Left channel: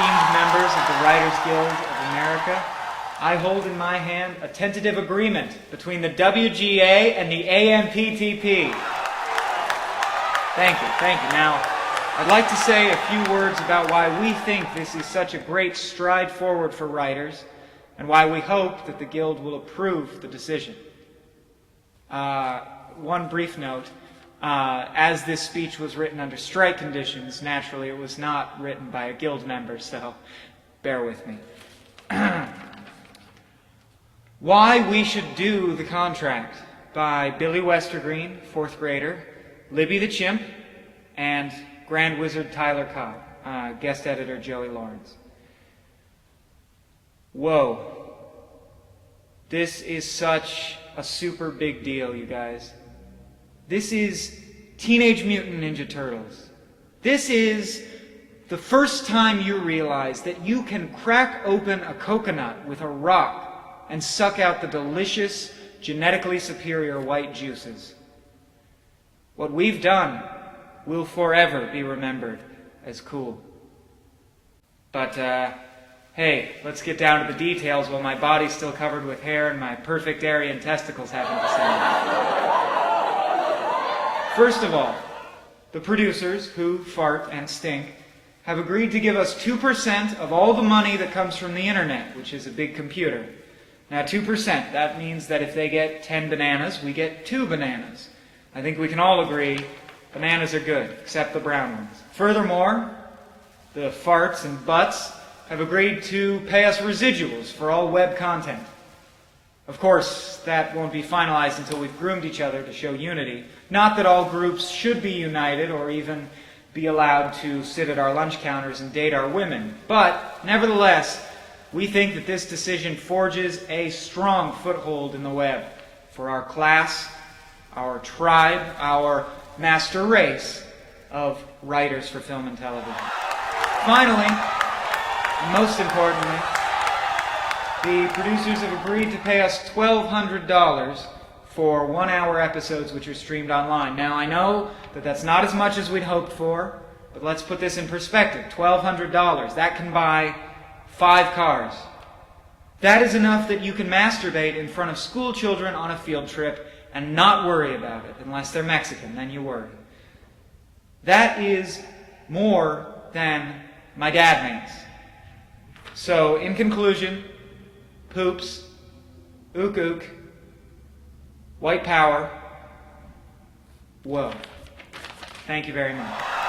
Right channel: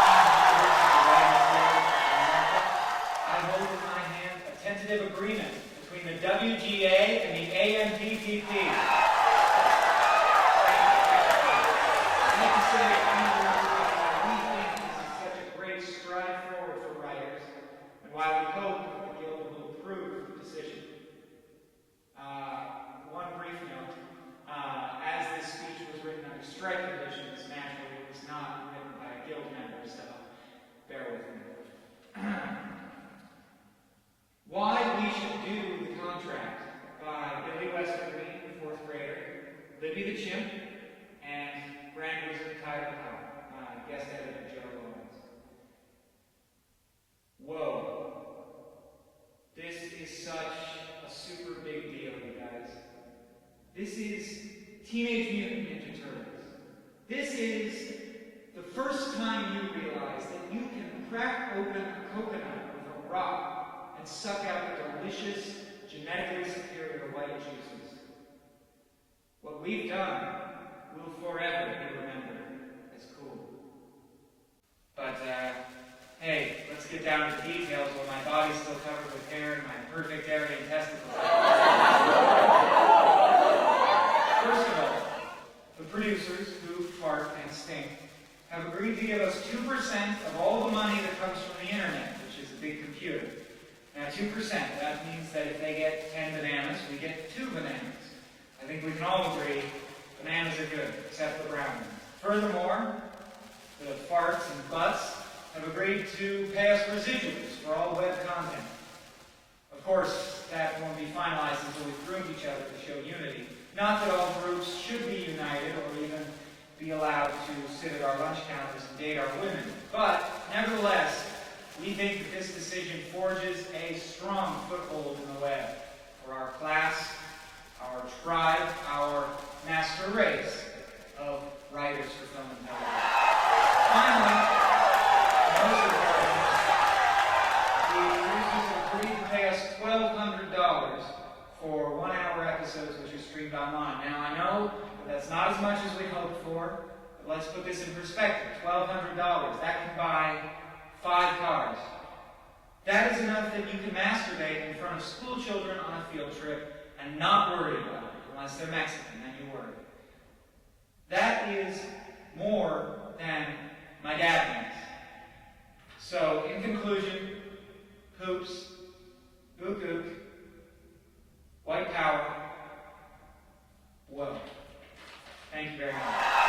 esteemed members of the Writers Guild of America, I hold in my hand a tentative agreement between the WGA and the AMPTP. Thank you. Now, I'd like to say a few words about why we think this is such a great stride forward for writers, and why we hope that the Guild will approve the decision. One brief note. As this speech was written under strike conditions, naturally it was not written by a Guild member, so bear with me. Why we should do the contract, by Billy Westergreen, 4th grader, Libby the Chimp, and Grand Wizard Tyler Cobb, guest editor Joey Lawrence. Whoa. This is such a super big deal, you guys. This is Teenage Mutant Ninja Turtles. This is the first time you realize that you can crack open a coconut with a rock and suck out the delicious, genetically superior white juices. What we've done will forever be remembered as cool. But, hey, let's get down to the details while my body's still covered with hair and my perfect Aryan testicles haven't descended. First of all, the producers, who fart and stink, have agreed to give us 2% of all the money that comes from the internet, which is a big computer. Now, 2%, that means that if they get 10 bananas, we get 2 bananas. I think we can all agree bananas are good, except the brown ones. Furthermore, the farts and butts have agreed to pay us residuals for all web content. Of course, that won't be finalized until we've groomed each other to show unity. Not that all groups should be united or even be allowed to sit at our lunch counters and date our women. But, nevertheless, we think that this decision forges a strong foothold in the web for our class, our tribe, our master race of writers for film and television. Finally, and most importantly, the producers have agreed to pay us $1,200 for 1-hour episodes which are streamed online. Now, I know that that's not as much as we'd hoped for, but let's put this in perspective. $1,200, that can buy 5 cars. That is enough that you can masturbate in front of school children on a field trip and not worry about it, unless they're Mexican, then you worry. That is more than my dad makes. So, in conclusion, poops, ook ook, white power, whoa. Thank you very much.